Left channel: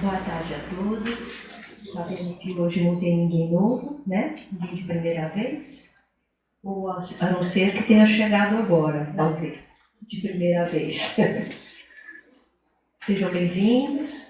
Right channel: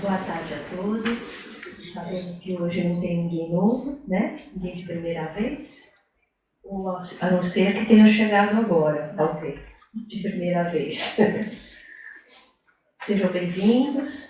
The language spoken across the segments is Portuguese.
Boa tarde a todos. Sabemos que hoje não tem ninguém novo, né? Ninguém de primeira vez. Ou a não ser que tenha chegado agora, talvez, de primeira vez. Sejam bem-vindos.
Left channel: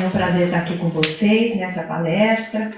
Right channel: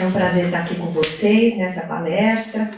É um prazer estar aqui com vocês nessa palestra.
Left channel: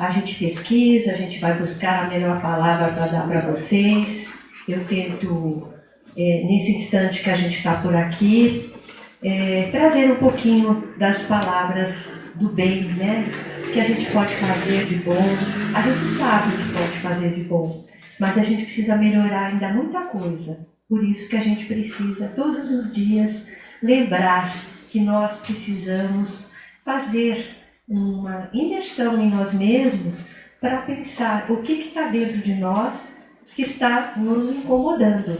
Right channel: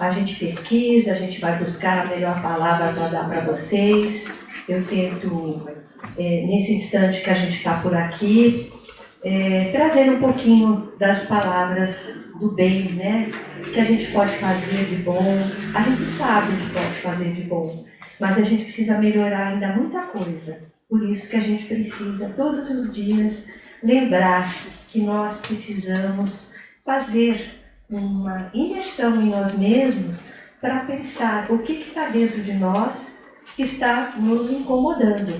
A gente pesquisa, a gente vai buscar a melhor palavra para dar para vocês. Eu tento, nesse instante que a gente está por aqui, trazer um pouquinho das palavras do bem, né? Que a gente pode fazer de bom. A gente sabe o que pode fazer de bom, mas a gente precisa melhorar ainda muita coisa. Por isso que a gente precisa, todos os dias, lembrar que nós precisamos fazer uma imersão em nós mesmos para pensar o que está dentro de nós que está nos incomodando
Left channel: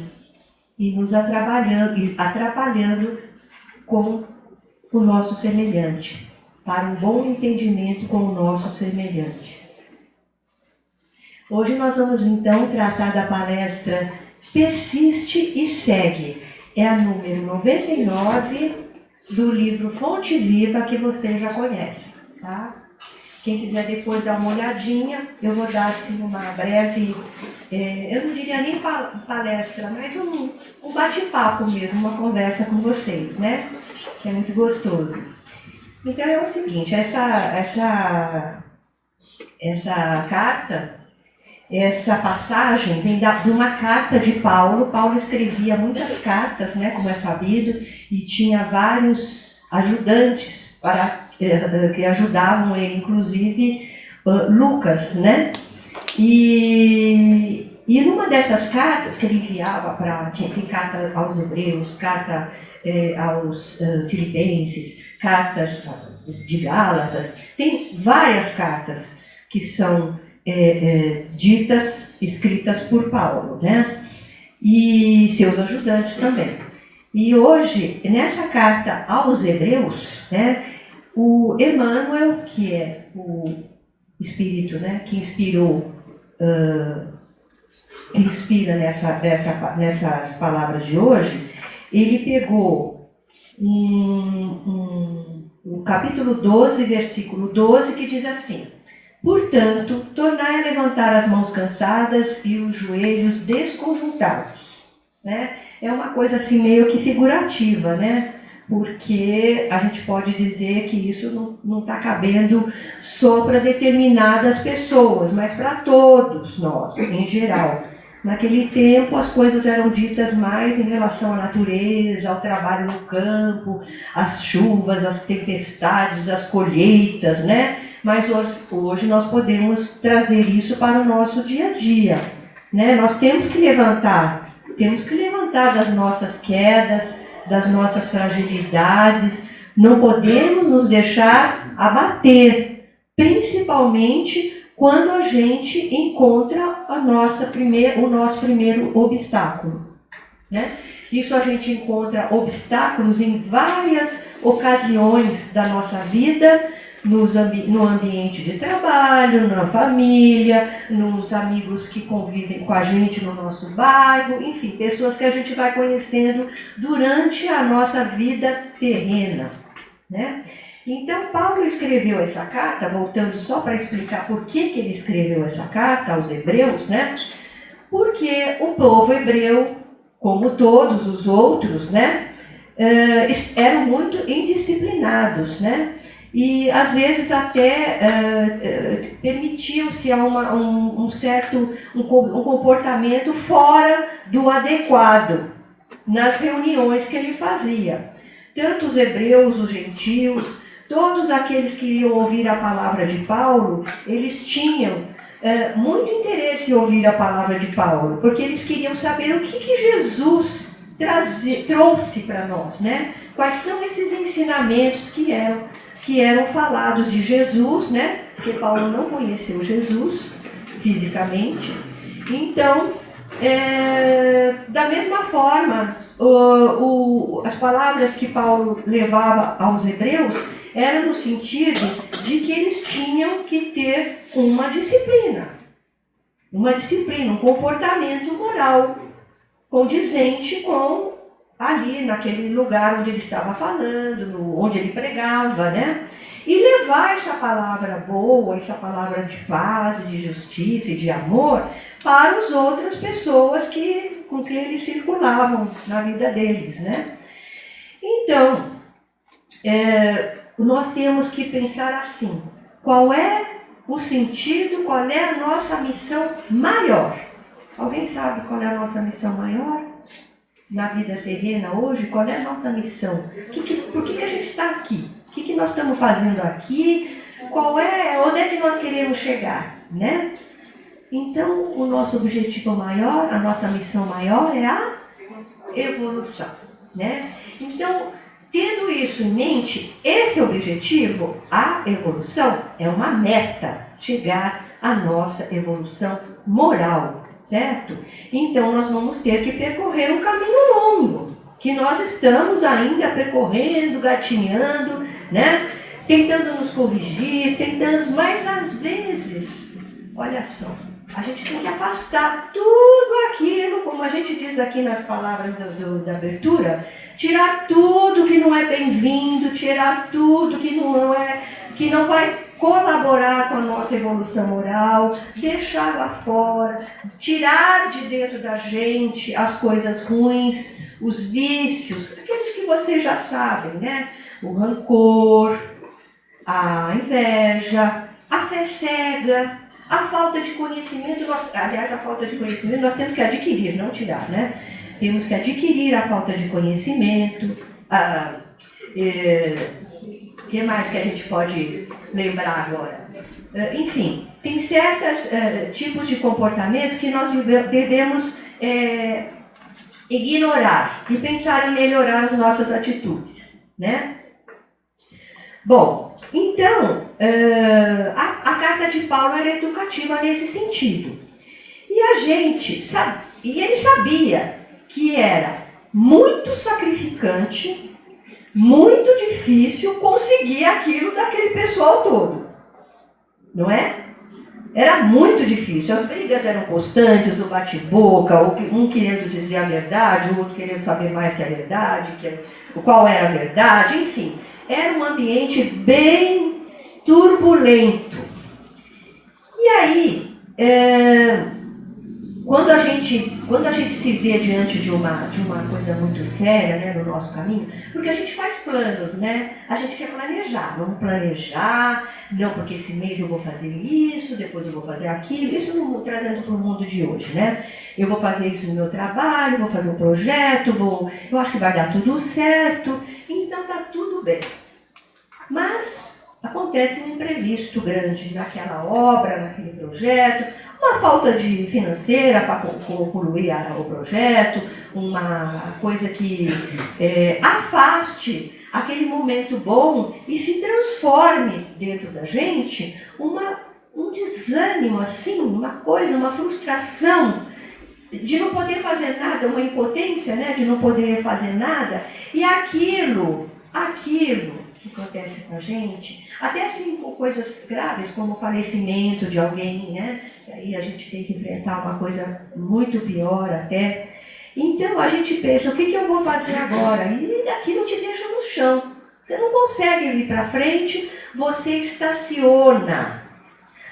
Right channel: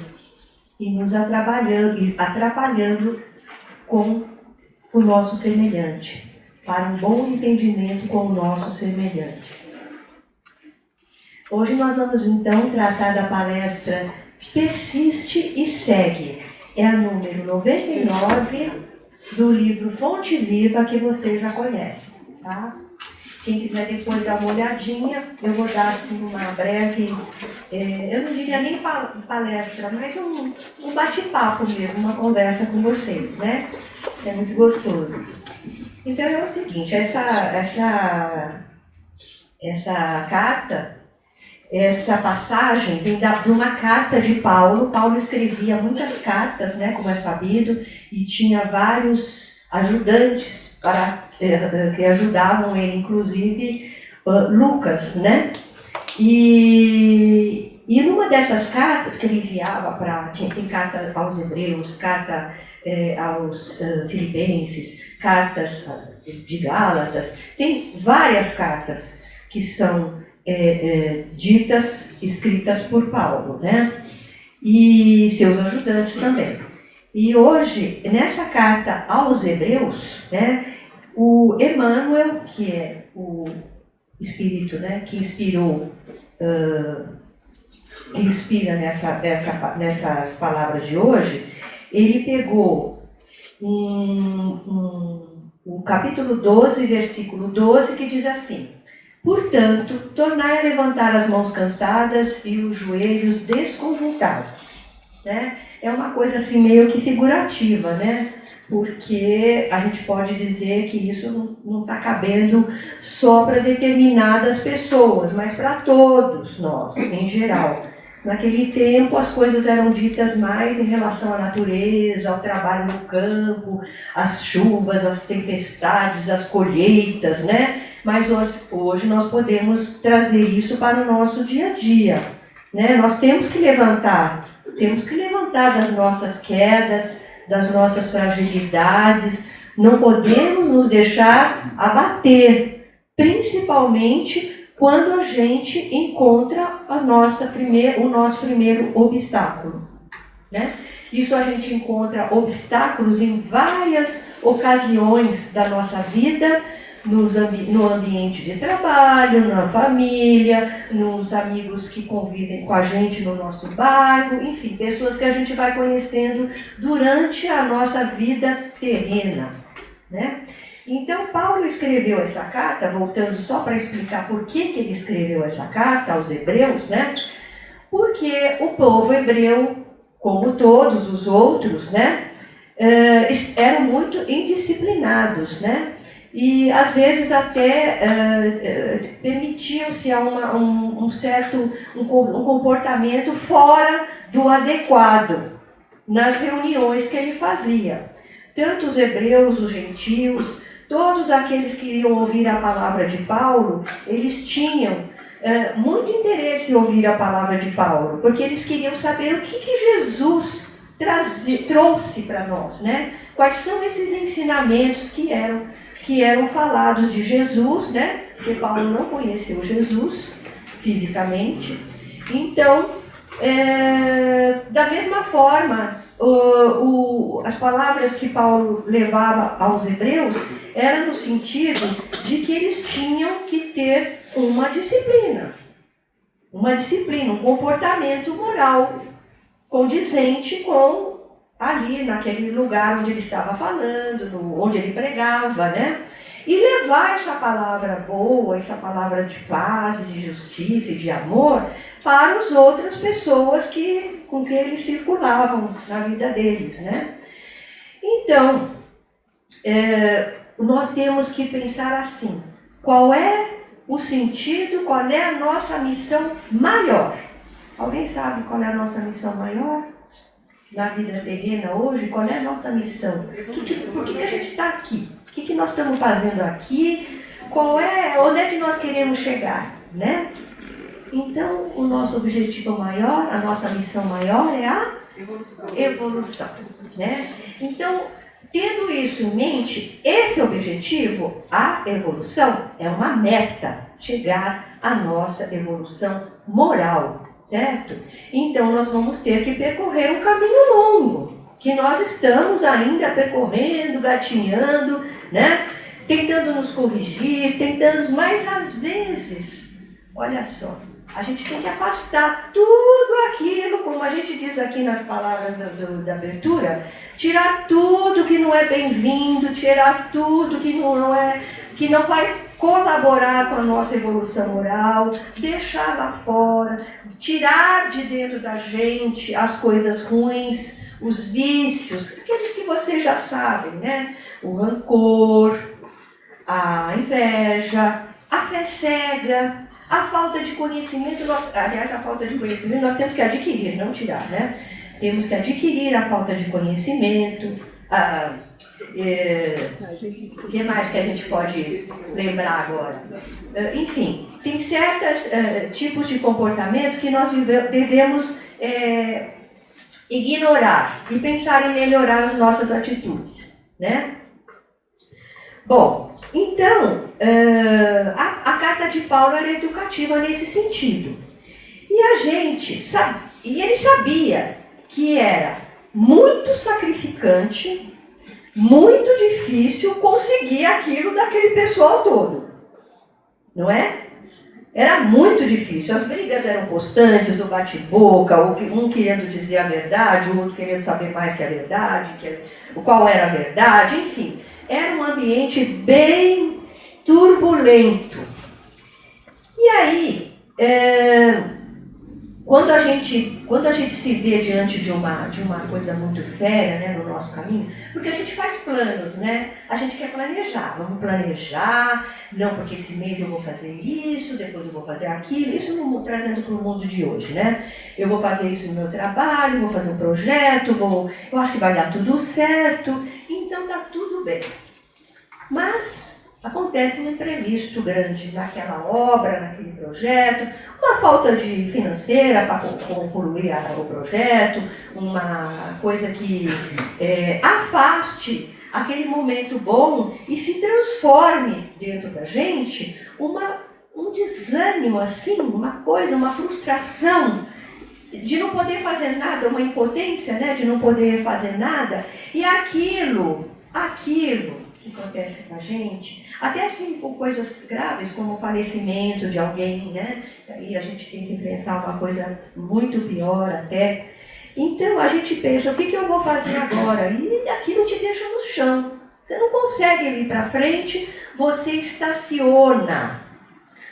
e nos atrapalhando com o nosso semelhante, para um bom entendimento com o nosso semelhante. Hoje nós vamos então tratar da palestra Persiste e Segue. É a número 99 do livro Fonte Viva, que vocês já conhecem, tá? Quem quiser depois dar uma olhadinha, eu vou dar assim uma breve, eu não diria nem palestra, mas um bate-papo mesmo, uma conversa com vocês, né? É muito gostoso. Então é o seguinte, essa carta, essa passagem vem de uma carta de Paulo. Paulo escrevia muitas cartas, né, como é sabido, e tinha vários ajudantes que ajudavam ele, inclusive Lucas, né? E numa dessas cartas que ele enviava tem carta aos Hebreus, carta aos Filipenses, cartas de Gálatas, tem várias cartas que são ditas, escritas por Paulo, né? E seus ajudantes também. E hoje, nessa carta aos Hebreus, né, o Emmanuel, que é o Espírito, né, que inspira nessas palavras de hoje, ele pegou o capítulo 12, versículo 12, que diz assim: portanto, tornai a levantar as mãos cansadas e os joelhos desconjuntados. Né? É uma coisa assim meio que figurativa, né? Porque a gente pode dizer que isso não está cabendo só para determinadas pessoas, mas para todos nós, em geral. Naquele tempo as coisas eram ditas mais em relação à natureza, ao trabalho no campo, às chuvas, às tempestades, às colheitas, né? Mas hoje nós podemos trazer isso para o nosso dia a dia, né? Nós temos que levantar das nossas quedas, das nossas fragilidades, não podemos nos deixar abater, principalmente quando a gente encontra o nosso primeiro obstáculo, né? Isso a gente encontra obstáculos em várias ocasiões da nossa vida, no ambiente de trabalho, na família, nos amigos que convivem com a gente no nosso bairro, enfim, pessoas que a gente vai conhecendo durante a nossa vida terrena, né? Então, Paulo escreveu essa carta, voltando só para explicar por que ele escreveu essa carta aos Hebreus, né? Porque o povo hebreu, como todos os outros, né, eram muito indisciplinados, né? E às vezes até permitiam-se um certo comportamento fora do adequado nas reuniões que ele fazia. Tanto os hebreus, os gentios, todos aqueles que iam ouvir a palavra de Paulo, eles tinham muito interesse em ouvir a palavra de Paulo, porque eles queriam saber o que Jesus trouxe para nós, né? Quais são esses ensinamentos que eram falados de Jesus, né? Porque Paulo não conheceu Jesus fisicamente. Então, da mesma forma, as palavras que Paulo levava aos hebreus eram no sentido de que eles tinham que ter uma disciplina, um comportamento moral condizente com ali naquele lugar onde ele estava falando, onde ele pregava, né? E levar essa palavra boa, essa palavra de paz, de justiça e de amor para as outras pessoas com quem eles circulavam na vida deles, né? Então, nós temos que pensar assim, qual é o sentido, qual é a nossa missão maior? Alguém sabe qual é a nossa missão maior na vida terrena hoje? Qual é a nossa missão? Por que a gente está aqui? O que nós estamos fazendo aqui? Onde é que nós queremos chegar, né? Então, o nosso objetivo maior, a nossa missão maior é a evolução, né? Então, tendo isso em mente, esse objetivo, a evolução, é uma meta, chegar à nossa evolução moral, certo? Então, nós vamos ter que percorrer um caminho longo, que nós estamos ainda percorrendo, gatinhando, né? Tentando nos corrigir, mas às vezes, olha só, a gente tem que afastar tudo aquilo, como a gente diz aqui nas palavras da abertura, tirar tudo que não é bem-vindo, tirar tudo que não vai colaborar com a nossa evolução moral, deixar lá fora, tirar de dentro da gente as coisas ruins, os vícios, aqueles que vocês já sabem, né? O rancor, a inveja, a fé cega, a falta de conhecimento. A falta de conhecimento nós temos que adquirir, não tirar, né? Temos que adquirir a falta de conhecimento. O que mais que a gente pode lembrar agora? Enfim, tem certos tipos de comportamento que nós devemos ignorar e pensar em melhorar as nossas atitudes, né? Bom, então, a carta de Paulo era educativa nesse sentido. E ele sabia que era muito sacrificante, muito difícil conseguir aquilo daquele pessoal todo. Não é? Era muito difícil. As brigas eram constantes, o bate-boca, um querendo dizer a verdade, o outro querendo saber mais que a verdade, qual era a verdade, enfim. Era um ambiente bem turbulento. E aí, quando a gente se vê diante de uma coisa muito séria, né, no nosso caminho, porque a gente faz planos, né? A gente quer planejar, vamos planejar, não, porque esse mês eu vou fazer isso, depois eu vou fazer aquilo, isso trazendo para o mundo de hoje, né? Eu vou fazer isso no meu trabalho, vou fazer um projeto, eu acho que vai dar tudo certo, então tá tudo bem. Mas acontece um imprevisto grande naquela obra, naquele projeto, uma falta de financeira para concluir o projeto, uma coisa que afaste aquele momento bom e se transforme dentro da gente um desânimo, assim, uma frustração de não poder fazer nada, uma impotência, né, de não poder fazer nada, e aquilo que acontece com a gente, até assim com coisas graves, como o falecimento de alguém, né? E aí a gente tem que enfrentar uma coisa muito pior até. Então a gente pensa, o que eu vou fazer agora? E aquilo te deixa no chão. Você não consegue ir para frente, você estaciona.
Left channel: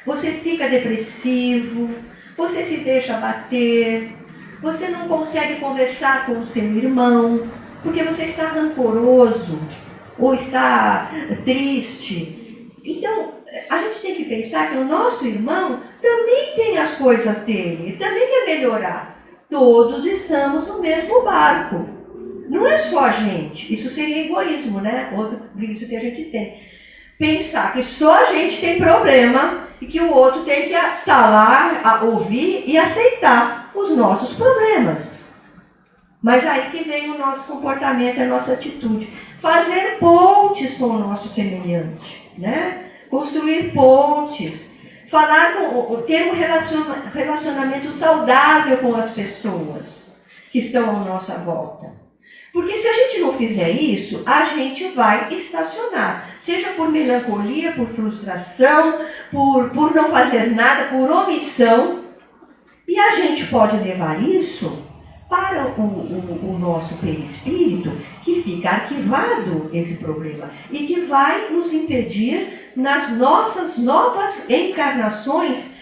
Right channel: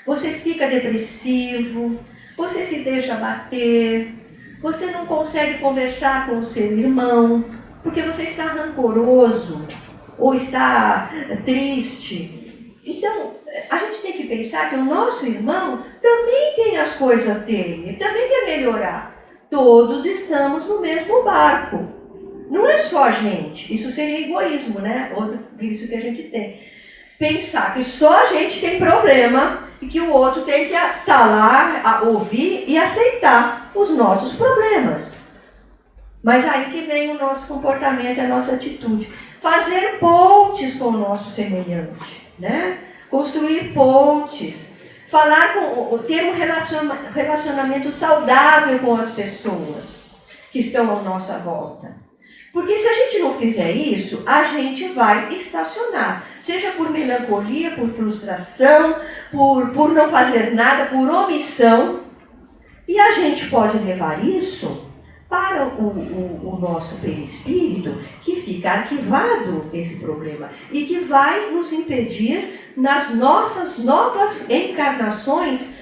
Você fica depressivo, você se deixa bater, você não consegue conversar com o seu irmão, porque você está rancoroso, ou está triste. Então, a gente tem que pensar que o nosso irmão também tem as coisas dele, também quer melhorar. Todos estamos no mesmo barco. Não é só a gente. Isso seria egoísmo, né? Outro vício que a gente tem. Pensar que só a gente tem problema e que o outro tem que estar lá, a ouvir e aceitar os nossos problemas. Mas aí que vem o nosso comportamento, a nossa atitude. Fazer pontes com o nosso semelhante, né? Construir pontes, ter um relacionamento saudável com as pessoas que estão à nossa volta. Porque se a gente não fizer isso, a gente vai estacionar, seja por melancolia, por frustração, por não fazer nada, por omissão, e a gente pode levar isso para o nosso perispírito, que fica arquivado esse problema e que vai nos impedir nas nossas novas encarnações,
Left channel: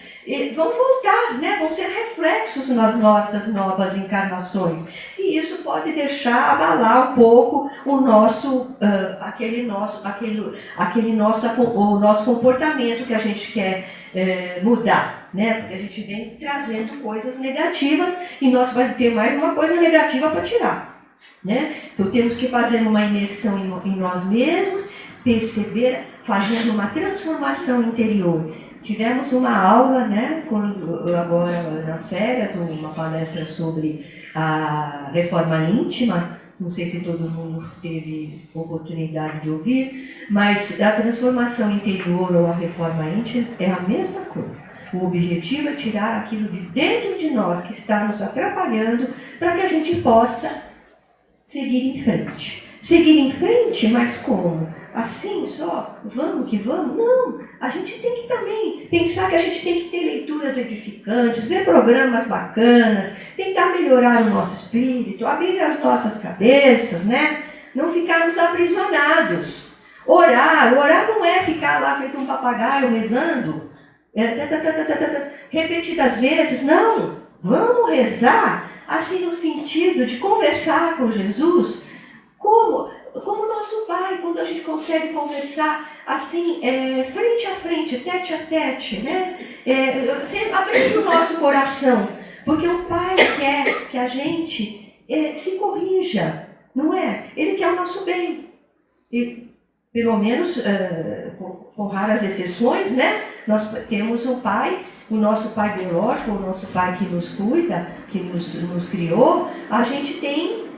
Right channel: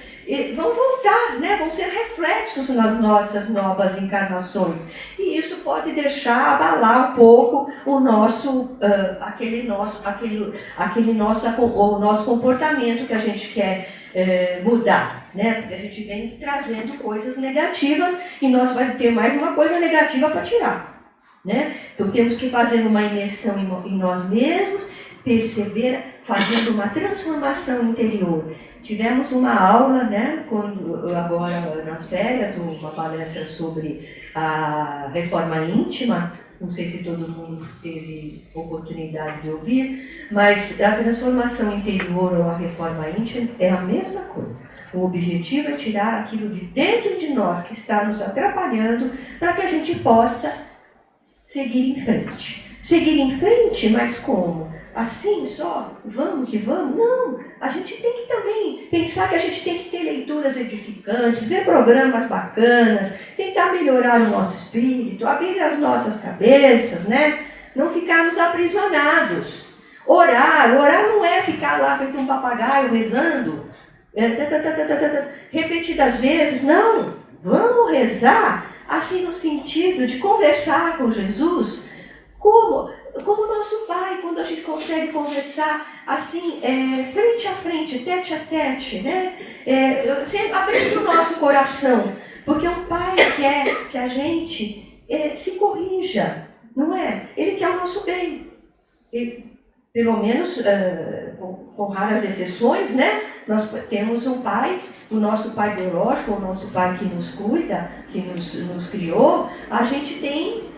vão voltar, né? Vão ser reflexos nas nossas novas encarnações. E isso pode deixar abalar um pouco o nosso, o nosso comportamento que a gente quer mudar, né? Porque a gente vem trazendo coisas negativas e nós vamos ter mais uma coisa negativa para tirar, né? Então temos que fazer uma imersão em nós mesmos, perceber, fazendo uma transformação interior. Tivemos uma aula, né, agora nas férias, uma palestra sobre a reforma íntima. Não sei se todo mundo teve oportunidade de ouvir, mas a transformação interior ou a reforma íntima é a mesma coisa. O objetivo é tirar aquilo de dentro de nós que está nos atrapalhando para que a gente possa seguir em frente. Seguir em frente, mas como? Assim só? Vamos que vamos? Não! A gente tem que também pensar que a gente tem que ter leituras edificantes, ver programas bacanas, tentar melhorar o nosso espírito, abrir as nossas cabeças, né? Não ficarmos aprisionados. Orar não é ficar lá feito um papagaio rezando, repetidas vezes, não! Vamos rezar, assim no sentido de conversar com Jesus, como nosso Pai, quando a gente consegue conversar assim, frente a frente, tete a tete, né? Abrindo o nosso coração, porque o Pai quer que a gente se corrija, não é? Ele quer o nosso bem. E, pelo menos, com raras exceções, né? Nós temos um Pai, o nosso Pai biológico, o nosso Pai que nos cuida, que nos criou, a gente tem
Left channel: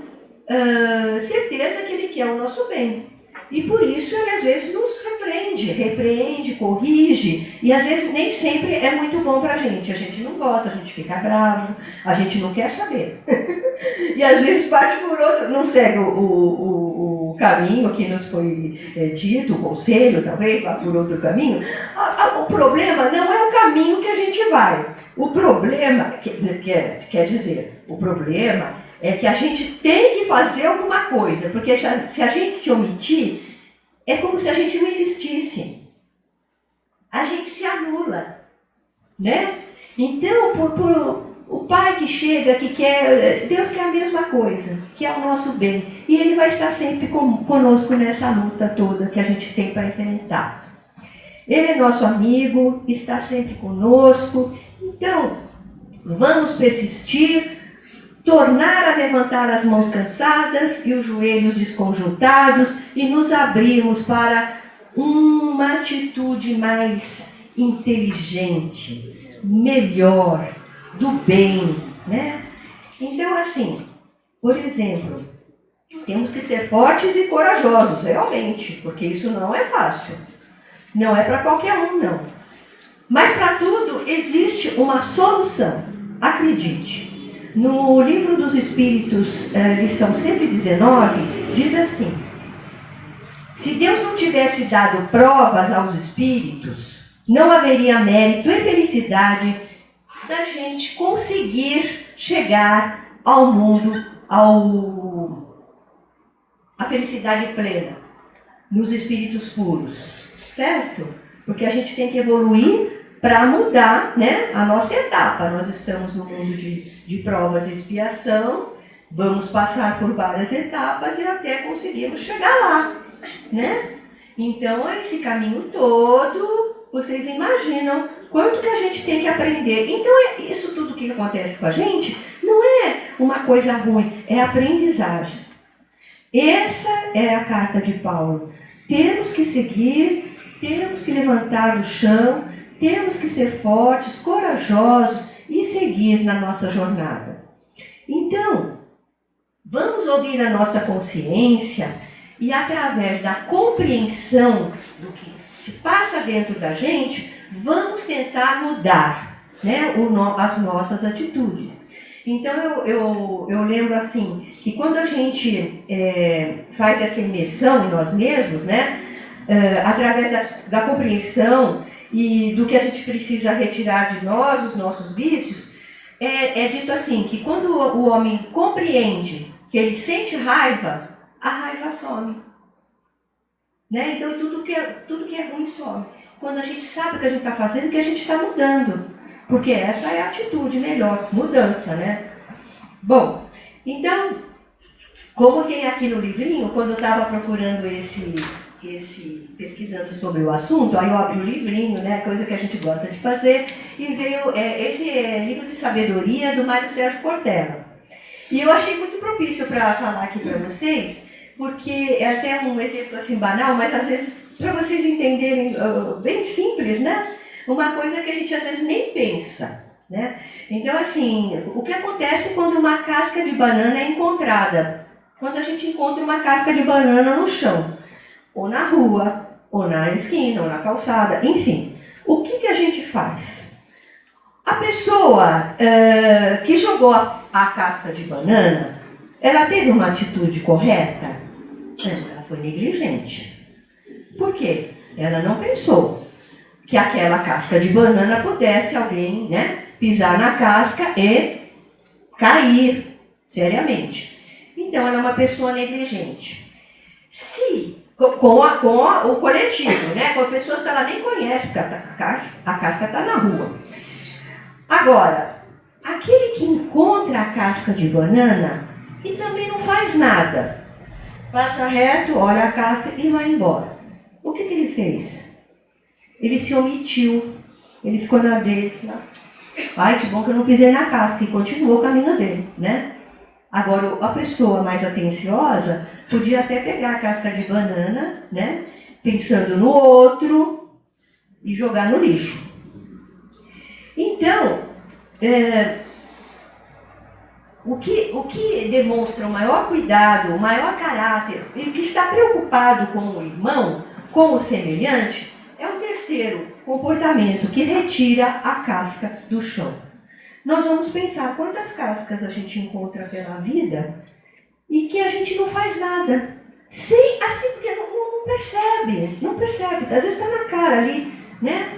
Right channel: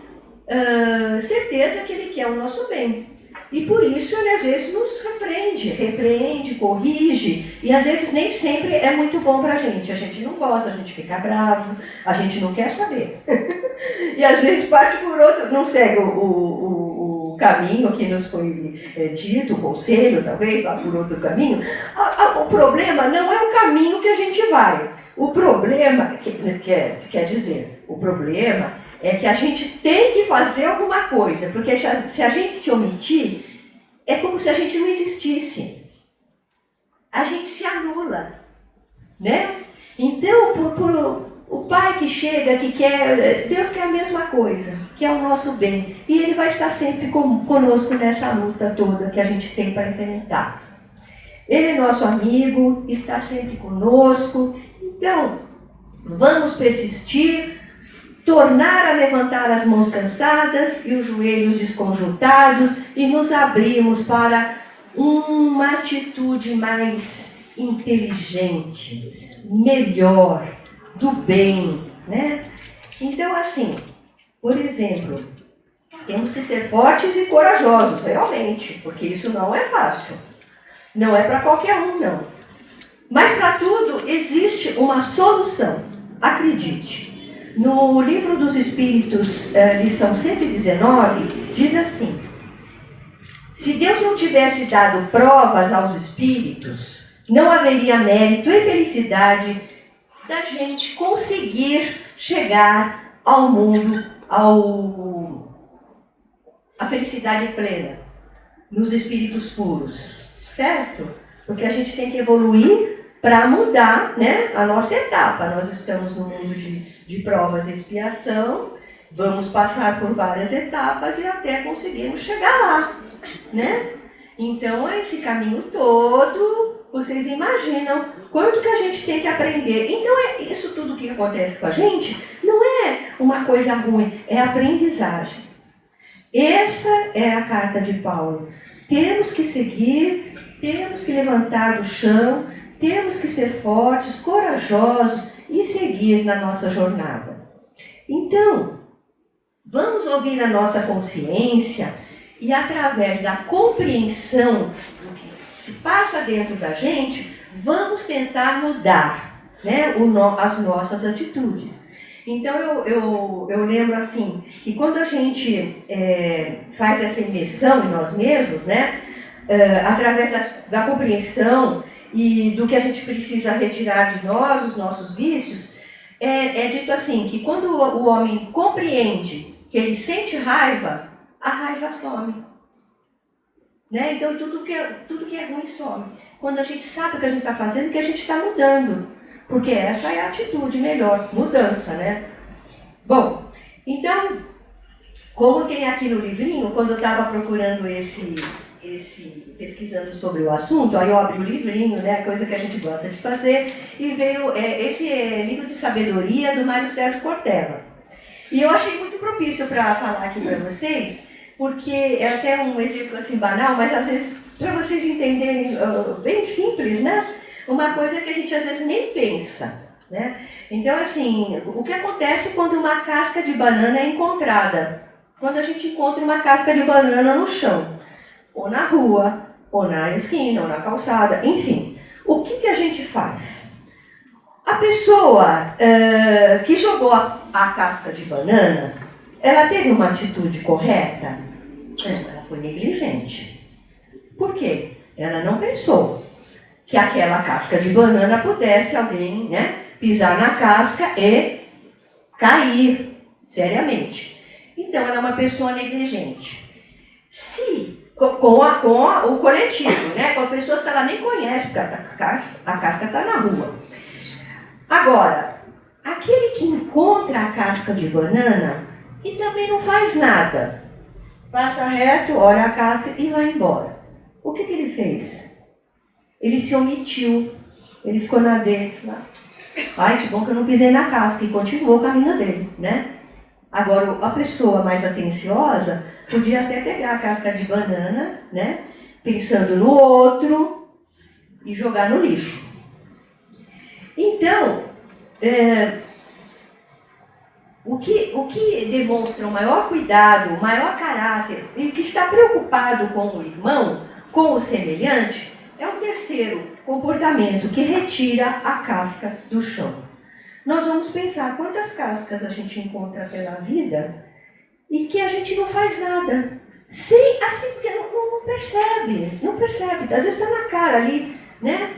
certeza que ele quer o nosso bem. E por isso ele às vezes nos repreende, corrige, e às vezes nem sempre é muito bom pra gente. A gente não gosta, a gente fica bravo, a gente não quer saber. E às vezes parte por outro, não segue o caminho que nos foi dito, o conselho, talvez, vá por outro caminho. O problema não é o caminho que a gente vai. O problema, quer dizer, o problema é que a gente tem que fazer alguma coisa, porque se a gente se omitir, é como se a gente não existisse. A gente se anula, né? Então, o Pai que chega, que quer, Deus quer a mesma coisa, que é o nosso bem. E Ele vai estar sempre conosco nessa luta toda que a gente tem para enfrentar. Ele é nosso amigo, está sempre conosco. Então, vamos persistir, tornar a levantar as mãos cansadas e os joelhos desconjuntados e nos abrirmos para uma atitude mais inteligente, melhor, do bem, né? Então, assim, por exemplo, temos que ser fortes e corajosos, realmente, porque isso não é fácil. Não é para qualquer um, não. Mas para tudo existe uma solução, acredite. No Livro dos Espíritos, lição 119, diz assim: se Deus não tivesse dado provas aos espíritos, não haveria mérito e felicidade da gente conseguir chegar ao mundo, à felicidade plena, nos espíritos puros, certo? Porque a gente tem que evoluir para mudar, né, a nossa etapa. Nós estamos no mundo de provas e expiação, vamos passar por várias etapas e até conseguirmos chegar lá, né? Então, esse caminho todo, vocês imaginam quanto que a gente tem que aprender. Então, isso tudo que acontece com a gente não é uma coisa ruim, é aprendizagem. Essa é a carta de Paulo. Temos que seguir, temos que levantar do chão, temos que ser fortes, corajosos e seguir na nossa jornada. Então, vamos ouvir a nossa consciência e, através da compreensão do que se passa dentro da gente, vamos tentar mudar, né, as nossas atitudes. Então, eu lembro assim, que quando a gente faz essa imersão em nós mesmos, né, através da compreensão e do que a gente precisa retirar de nós, os nossos vícios, é dito assim, que quando o homem compreende que ele sente raiva, a raiva some. Né? Então, tudo que é ruim some. Quando a gente sabe o que a gente está fazendo, que a gente está mudando. Porque essa é a atitude melhor, mudança, né? Bom, então, como tem aqui no livrinho, quando eu estava procurando pesquisando sobre o assunto, aí eu abri o livrinho, né, coisa que a gente gosta de fazer, e veio esse livro de sabedoria do Mário Sérgio Cortella. E eu achei muito propício para falar aqui para vocês, porque é até um exemplo assim banal, mas às vezes para vocês entenderem, bem simples, né? Uma coisa que a gente às vezes nem pensa, né? Então, assim, o que acontece quando uma casca de banana é encontrada? Quando a gente encontra uma casca de banana no chão, ou na rua, ou na esquina, ou na calçada, enfim. O que a gente faz? A pessoa que jogou a casca de banana, ela teve uma atitude correta? Não, ela foi negligente. Por quê? Ela não pensou que aquela casca de banana pudesse alguém, né, pisar na casca e cair seriamente. Então, ela é uma pessoa negligente. Se com o coletivo, né? Com pessoas que ela nem conhece, porque a casca está na rua. Agora, aquele que encontra a casca de banana e também não faz nada, passa reto, olha a casca e vai embora. O que ele fez? Ele se omitiu, ele ficou na dele. Ai, que bom que eu não pisei na casca, e continuou o caminho dele, né? Agora, a pessoa mais atenciosa podia até pegar a casca de banana, né, pensando no outro e jogar no lixo. Então, o que demonstra o maior cuidado, o maior caráter e o que está preocupado com o irmão, com o semelhante, é o terceiro comportamento que retira a casca do chão. Nós vamos pensar quantas cascas a gente encontra pela vida e que a gente não faz nada. Sim, assim, porque não percebe. Às vezes está na cara ali, né?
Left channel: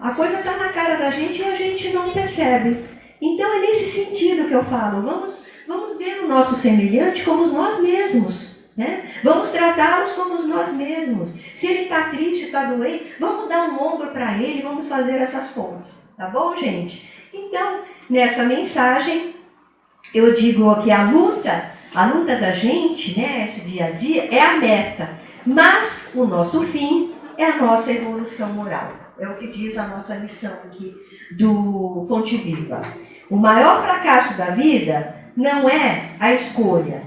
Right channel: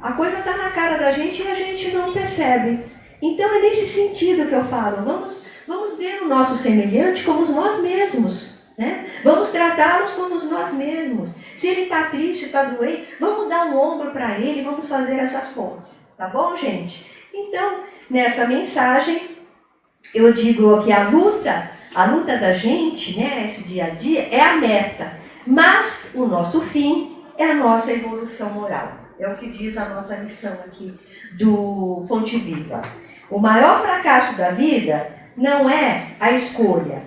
A coisa está na cara da gente e a gente não percebe. Então é nesse sentido que eu falo, vamos ver o nosso semelhante como nós mesmos, né? Vamos tratá-los como nós mesmos. Se ele está triste, está doente, vamos dar um ombro para ele, vamos fazer essas pontes, tá bom, gente? Então, nessa mensagem, eu digo que a luta da gente, né, esse dia a dia, é a meta, mas o nosso fim é a nossa evolução moral. É o que diz a nossa lição aqui do Fonte Viva. O maior fracasso da vida não é a escolher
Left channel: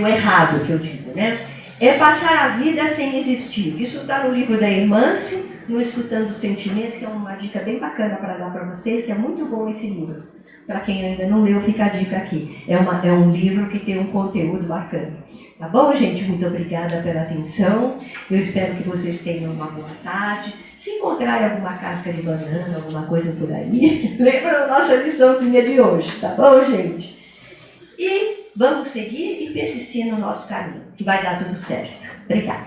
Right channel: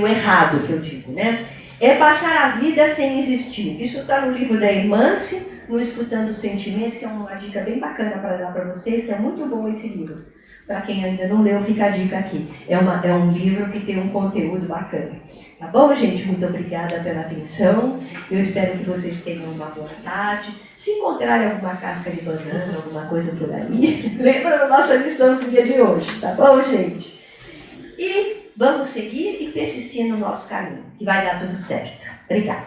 o errado, que eu digo, né? É passar a vida sem existir. Isso está no livro da Irmance, no Escutando os Sentimentos, que é uma dica bem bacana para dar para vocês, que é muito bom esse livro. Para quem ainda não leu, fica a dica aqui. É um livro que tem um conteúdo bacana. Tá bom, gente? Muito obrigada pela atenção. Eu espero que vocês tenham uma boa tarde. Se encontrarem alguma casca de banana, alguma coisa por aí, lembra da nossa liçãozinha de hoje, tá bom, gente? E vamos seguir e persistir no nosso caminho, que vai dar tudo certo. Obrigada.